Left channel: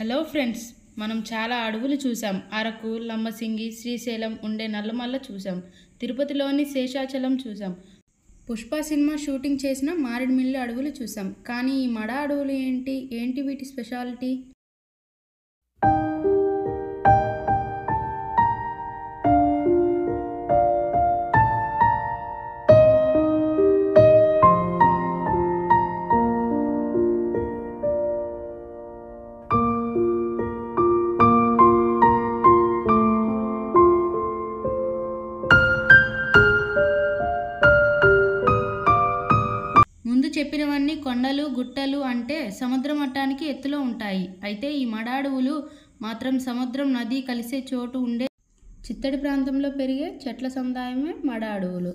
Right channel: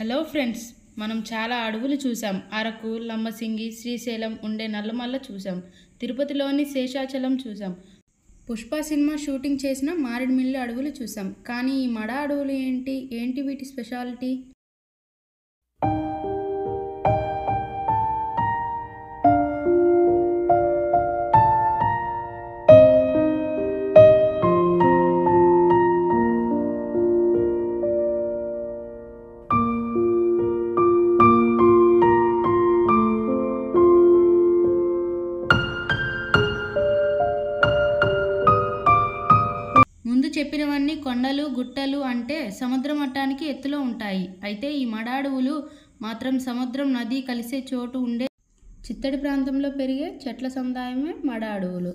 Hello friends, మనం చాలా అడవులు చూసాం. అరకు, లంబసింగి, శ్రీశైలం ఉండే నల్లమల్ల చూసాం. తిరుపతిలోని శేషాచలం చూసాం. పుష్ప సినిమా షూటింగ్ చేసిన మారేడుమిల్లి అడవులు చూసాం. కానీ ఈ మడ అడవులు ఏంటి వీటి స్పెషాలిటీ? ముందు చెప్పినవన్నీ కొండలు, గుట్టలు అంటే సముద్ర మట్టానికి ఎత్తులో ఉంటాయి. అయితే ఈ మడ అడవులు మాత్రం సముద్రం, నది కలిసే చోటు ఉండే చిత్తడి ప్రాంతంలో పెరిగే చెట్ల సముదాయమే మడ అడవులు.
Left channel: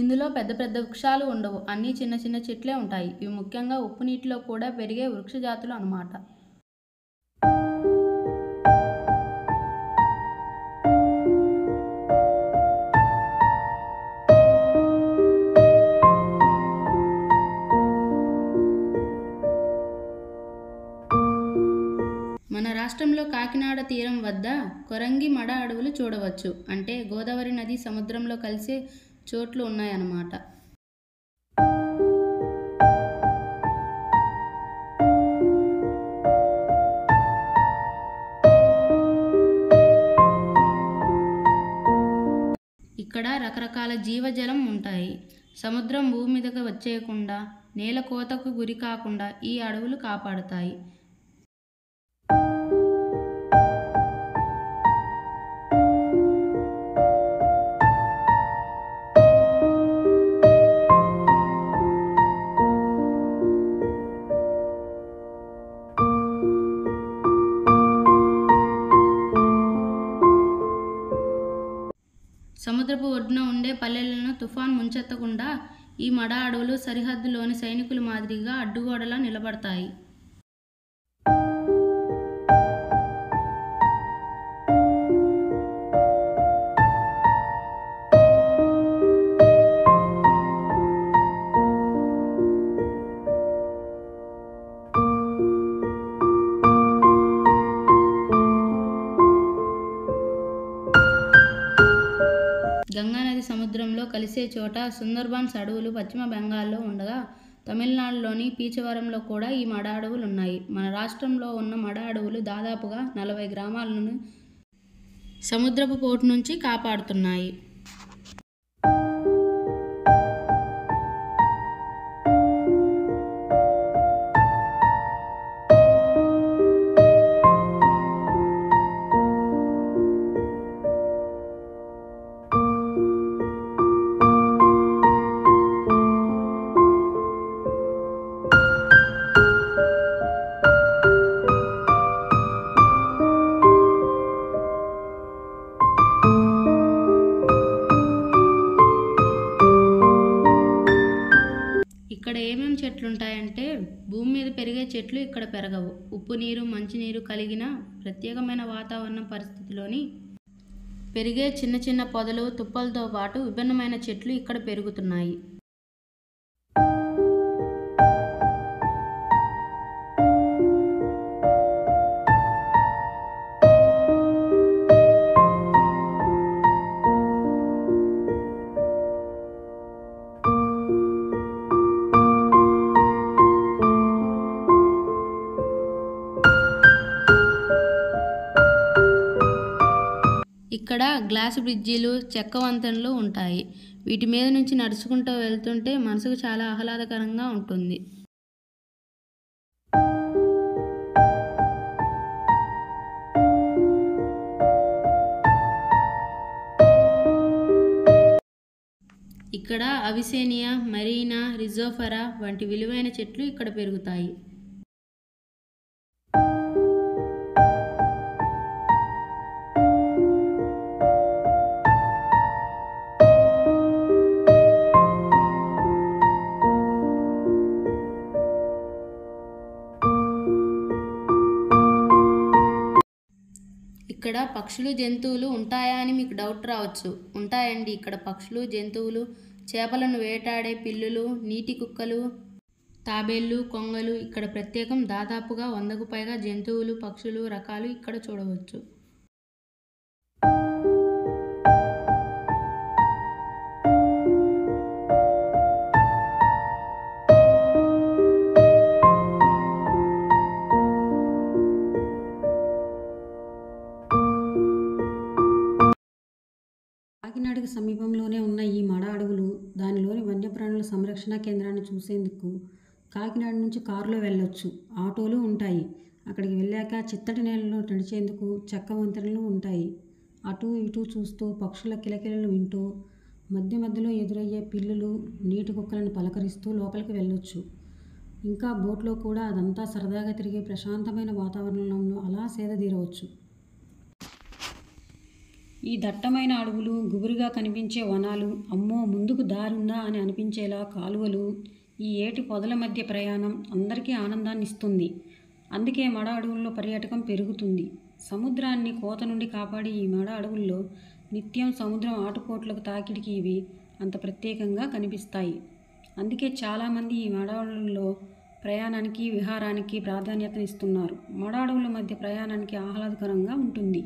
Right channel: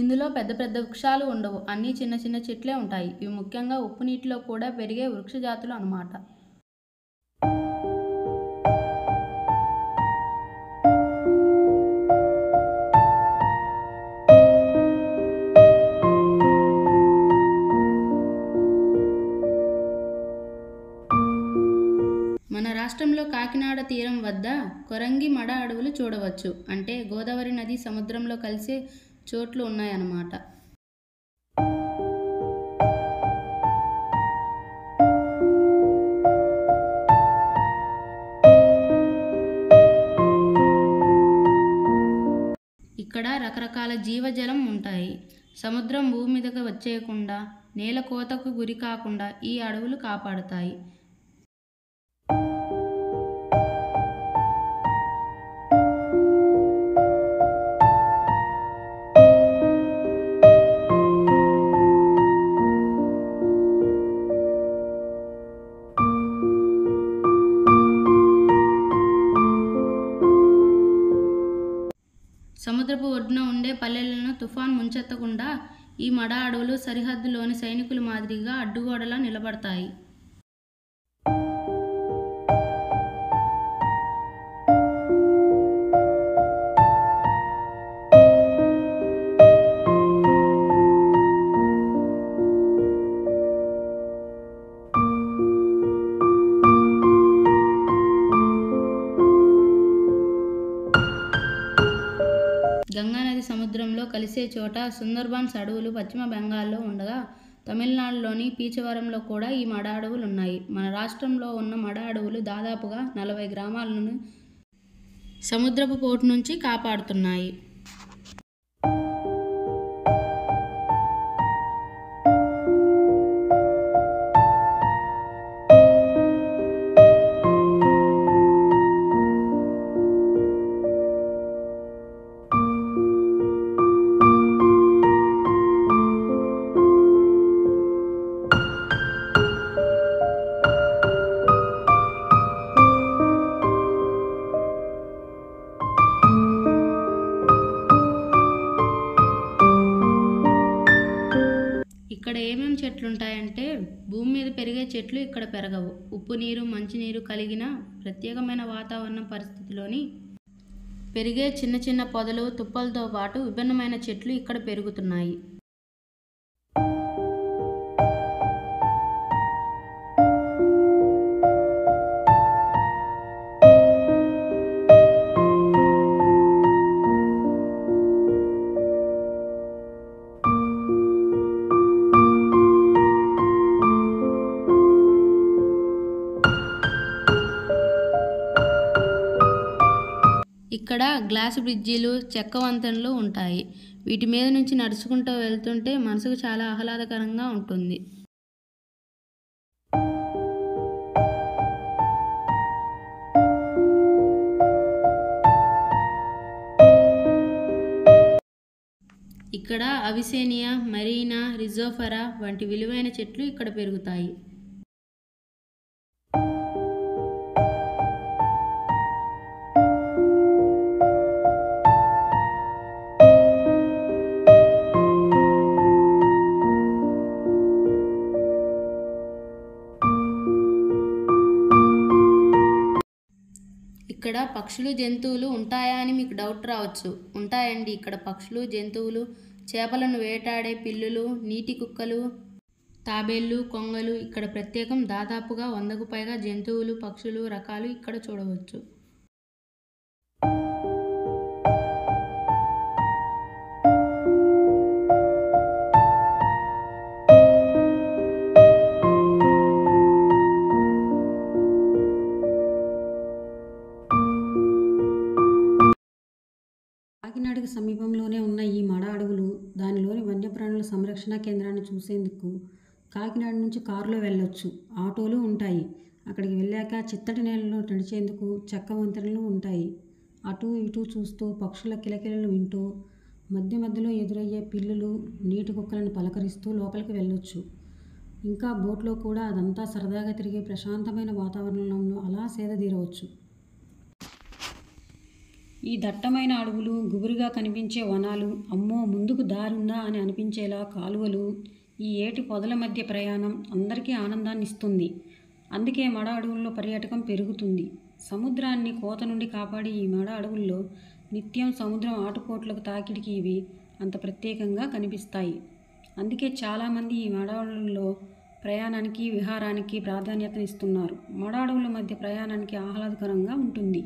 ఇందులో పెద్ద పెద్ద వృక్షాలు ఉండవు, అన్నీ చిన్న చిన్న చెట్లే ఉంటాయి. ఇవి ముఖ్యంగా ఉప్పు నీటిలో కూడా పెరిగే వృక్ష జాతులు అన్నమాట. మన రాష్ట్రంలో కాకినాడ తీరం వద్ద కొరంగి మడ అడవులు చూడవచ్చు. అంటే గోదావరి నది సముద్రంలో కలిసే చోట్లు ఉన్నాయన్నమాట. ఇక్కడ రకరకాల జీవజలం ఉంటాయి. సముద్రం భూమి మీదకి వచ్చేయకుండా, నేల కోతకు గురి కాకుండా ఈ అడవులు కాపాడుతాయి. సముద్రపు ఒడ్డున ఉండే పల్లెలను తుఫాన్ ముంచెత్తకుండా ఈ మడ అడవులు సరిహద్దులోని సైనికుల మాదిరిగా అడ్డుగోడలా నిలబడతాయి. గంగానది సముద్రంలో కలిసే చోట సుందర్బన్స్ అడవులు పశ్చిమ బెంగాల్లో ఉండగా, తమిళనాడులోని పీచవరంలో కూడా ఈ మడ అడవులు ఉన్నాయి. మన రాష్ట్రంలో ఉన్న మడ అడవులు దాదాపుగా 40 గ్రామాలను సముద్రపు పోటు నుంచి కాపాడుతున్నాయి. ఇక్కడ ఏమేమి చెట్లు ఉంటాయంటే, భూమి మీద పెరిగే చెట్లు ఇక్కడ పెరగవు. ఉప్పు నీరు, మంచినీరు కలిగిన ప్రత్యేకమైన వాతావరణ పరిస్థితిలోని పెరిగే చిన్న చిన్న పొదలు, తుప్పలతో పాటు విభిన్నమైన చెట్లు ఇక్కడ పెరుగుతున్నాయి. ఇక్కడ గ్లాసు బ్రిడ్జీలు, చెక్క వంతెనలు ఉంటాయి. వీటి మీద నుంచి నడుచుకుంటూ వెళ్తుంటే మనసుకు చాలా ఆహ్లాదకరంగా ఉంటుంది. ఇక్కడ అవిసేనియా, మరీనా, రిజోఫరా వంటి విలువైన చెట్లు ఇక్కడ పెరుగుతాయి. ఇక్కడ పక్షులు జంతువులు ఉంటాయా అని మీకు డౌట్ రావచ్చు. ఉంటాయండి. ఇక్కడ పక్షులు జంతువులు, చేపలను వేటాడే పిల్లులు, నీటి కుక్కలు, తాబేళ్లు, కొంగలు ఇక్కడ ప్రత్యేకం. దాదాపుగా 100కు పైగా జంతువులు, పక్షులు రకాలు ఇక్కడ చూడవచ్చు. కాకినాడకు సమీపంలోనే ఉన్న ఈ మడ అడవులు, దానిలోని వన్యప్రాణుల సంరక్షణ కేంద్రాన్ని చూసేందుకు కాకినాడ నుంచి కారులో వెళ్ళొచ్చు. ఆటోలు ఉంటాయి. అక్కడికి వెళ్ళాక చిత్తడి నేలలో నడిచేందుకు చెక్క వంతెనలు ఉంటాయి. అటు ఇటు చూస్తూ పక్షుల కిలకిలలు వింటూ మధ్య మధ్యలో ఎదురయ్యే పిల్లులు, నీటి కుక్కలను పలకరిస్తూ లోపలికి వెళ్ళొచ్చు. ఇంకా బోట్లో కూడా అదంతా సరదాగా తిరిగే ప్రశాంతమైన వాతావరణంలో అలా సేదతీరవచ్చు. ఈ దట్టమైన అడవులు, గుబురుగా కనిపించే వనాలు, అమ్మో ముందుకు దారుందా అని అనిపించేలా కాలువలు, ఈ ఏటి పొదల మధ్య ప్రయాణం అందరికీ ఆనందాన్ని ఇస్తుంది. అందుకే మడ అడవుల్లో పర్యాటకం పెరుగుతుంది. సముద్రాన్ని కోత నుండి కాపాడే ఈ మడ అడవుల్లో నిత్యం సముద్రం ఆటుపోట్లకు తాకిడికి ఇవి అంత ప్రత్యేకంగా కనిపిస్తాయి. అందుకే చాలామంది ఈ మడ అడవుల్లో ప్రయాణానికి, విహారానికి ప్రాధాన్యతనిస్తున్నారు. మడ అడవుల మధ్య ప్రయాణానికి ఆహ్లాదకరంగా ఉంటుంది.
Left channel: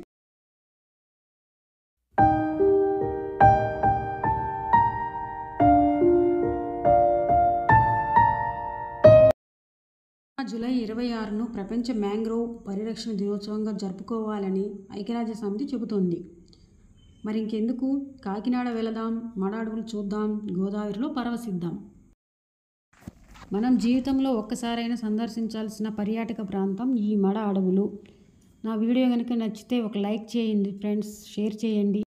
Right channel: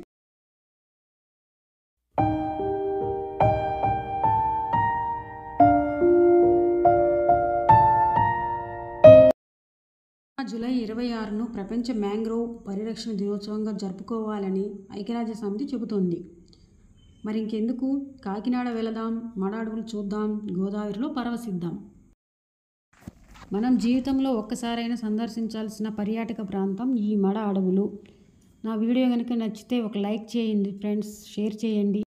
జూలై 26ను ప్రపంచ మ్యాంగ్రోవ్ పరిరక్షణ దినోత్సవంగా జరుపుకోవాలని ఐక్యరాజ్యసమితి చెబుతోంది. మరి ఇంకెందుకు, కాకినాడ వెళదాం, మడ అడవులు చూద్దాం, గోదావరిలో పరవశిద్దాం. మనం జీవితంలో ఒక్కసారైనా సందర్శించాల్సిన పర్యాటక ప్రాంతం ఈ మడ అడవులు. నా వీడియో కనుక నచ్చితే ఒక లైక్ చేయండి ఫ్రెండ్స్, షేర్ చేయండి.